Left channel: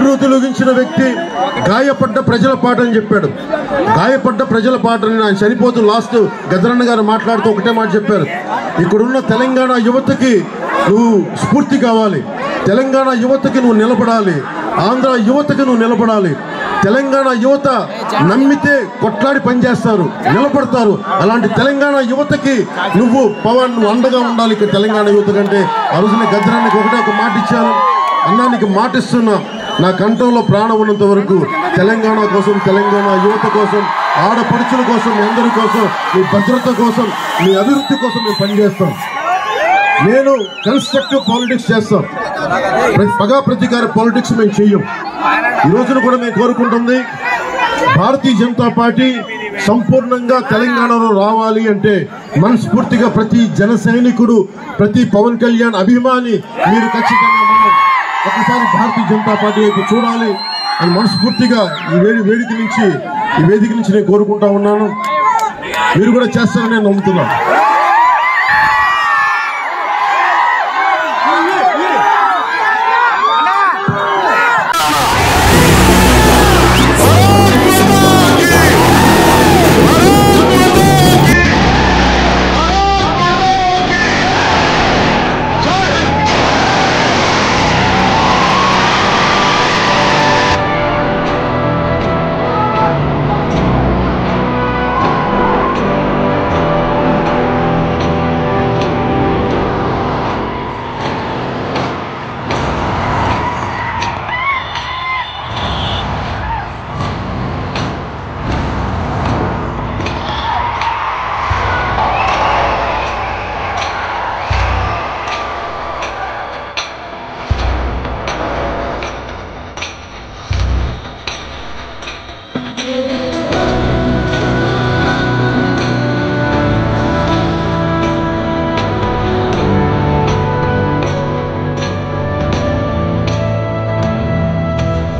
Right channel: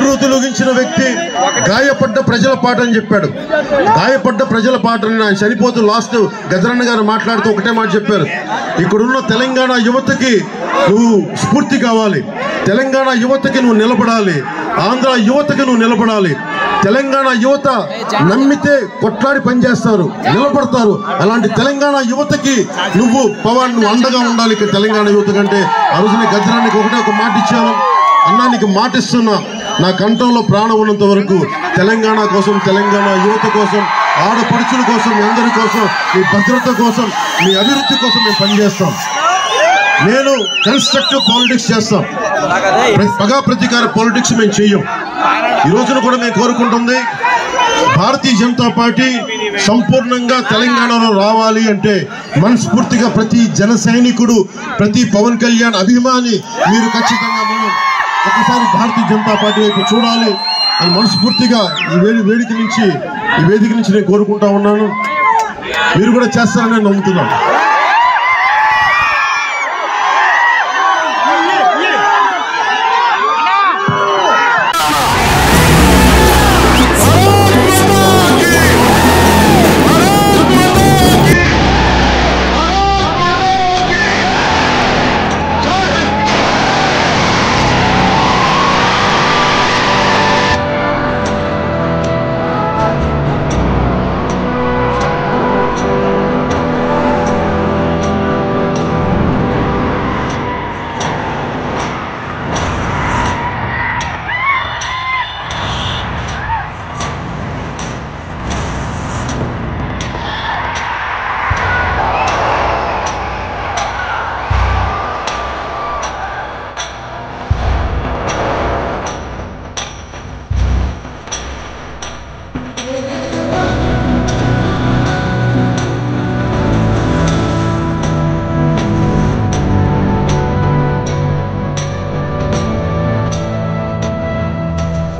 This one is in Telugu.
ఉర్రూతలొగించిన వ్యక్తి గాయపడ్డ ప్రజల పాట అని చెప్పాడు. గాయపడ్డ ప్రజల పాట అని ఆయన చనిపోతూ లాస్ట్ గజరన్న గారు మాట్లాడుతూ ఒకటే మాట చెప్పారు, ఇక్కడున్న తెలంగాణ యువతకి నువ్వు స్ఫూర్తి కావాలి, తెలంగాణ యువతకి నువ్వు నిలబడాలి, ఆంధ్ర యువతకి నువ్వు నిలబడాలి. తెలంగాణ యువత నమ్మితే కొట్లాడి పనిచేస్తారు, నిలబడతారు. అలాంటి తెలంగాణ యువతకి నువ్వు పవన్ నువ్వు అండగా ఉండాలి. ఇక్కడ తెలంగాణ యువత కంటే ఆ రోజున గజరానికి ఒకటే ఒక మాట ఇచ్చాను, అన్నానికి మాట ఇస్తున్నా, నా కంఠంలో ప్రాణం ఉన్నంత వరకు తెలంగాణ కోసం, తెలంగాణ యువత కోసం, ఆడపడుచుల కోసం, మీ అందరి కోసం, మీ భద్రత కోసం, మీ అభివృద్ధి కోసం మేము పనిచేస్తాం. నేను కన్స్ట్రక్టివ్ పాలిటిక్స్ చేస్తాం, పగా ప్రతీకార పాలిటిక్స్ మేము చెయ్యం. ఈ రోజున కూడా మేము కోరుకుంటుంది భారతీయ జనతా పార్టీ సంపూర్ణంగా తెలంగాణలో రావాలి అంటే మనస్ఫూర్తిగా ప్రతి జన సైనికుడు, ప్రతి పవన్ కళ్యాణ్ అభిమాని మీరు ఖచ్చితంగా మనం ఒకసారి భారతీయ జనతా పార్టీ వైపు చూడాలి అని మనస్ఫూర్తిగా ఈ వేదిక నుంచి నేను కోరుకుంటా ఉన్నాను. మీరు కూడా చేస్తారని నేను నమ్ముతున్నాను.